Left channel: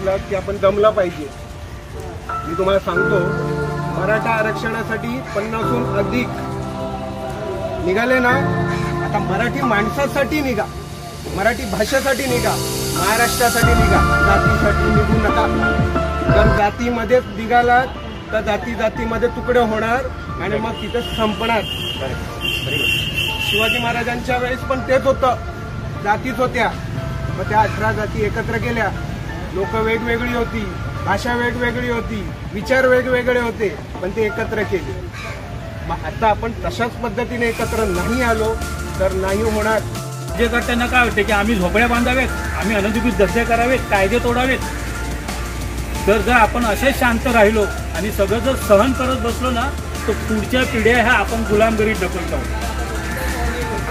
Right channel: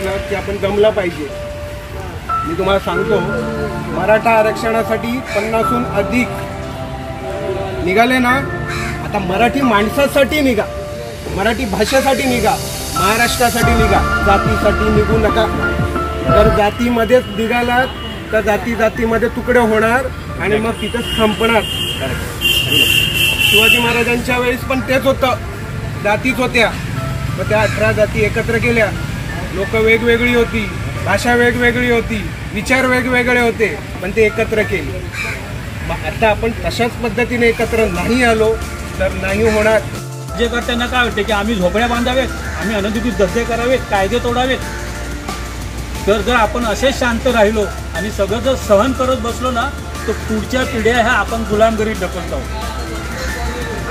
म्हटलं की आपण जमलं पाहिजे. मी तुम्हाला सांगतो, मराठा आरक्षणासाठी 50हून अधिक निघाले ना. आता मराठी माणसासाठी निघा, मराठी भाषेसाठी निघा, महाराष्ट्रासाठी निघा. जातीसाठी निघू नका. जर जातीमध्येच निघालात तर जातीमध्ये तुकडे होणार आणि मग तिथं संपणार. शिवाजी महाराजांच्या वेळेस पण तेच होतं, जातीच होत्या. मग त्या 18 जाती एकत्र केल्या. लोक वेगवेगळी होती, भाषा वेगवेगळी होती, विचार वेगवेगळे होते, पण ते एकत्र केले. मग आता आपण तशाच पद्धतीने एकत्र नाही आलो तर नाही होणार. जे करताना काय वाटते की आम्ही झोपड्या बांधावेत, आम्ही अनधिकृत धंदे करावेत, कायदे तोडावेत. तर जर आपण असेच शांत राहिलो आणि सगळं जर सहन करत बसलो ना तर पुढच्या पिढ्या ह्या आपण गुलामगिरीत ढकलत आहोत.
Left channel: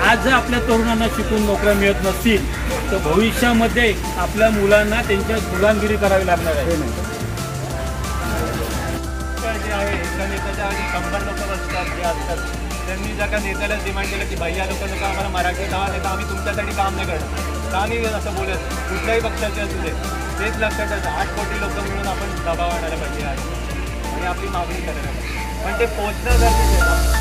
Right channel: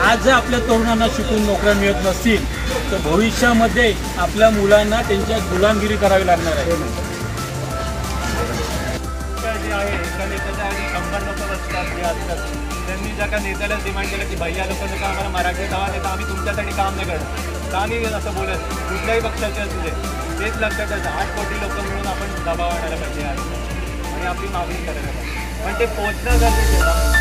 आज जर आपल्या तरुणांना शिकून नोकऱ्या मिळत नसतील तर भविष्यामध्ये आपल्या मुलांना त्यांच्या गुलामगिरी करावी लागणार आहे. जे आहे एका नेत्याच्या आधी 100 लोक बसतात जे असतात. त्यांनी जर का नेत्याला डिमांड केलं की भैया लोक नका आम्हाला मराठी दवा नाही तर आम्ही तुमच्यासाठी काम नाही करणार, तर आम्ही असं बोलत कुठल्याही पक्षाचे असू दे. तेच लक्षात ठेवायचं, 8 कोटी लोक मिळून आपण दबाव आणायला पाहिजे आणि आपली मागणी करायला पाहिजे. पण ते पोहोचणं गरजेचं आहे.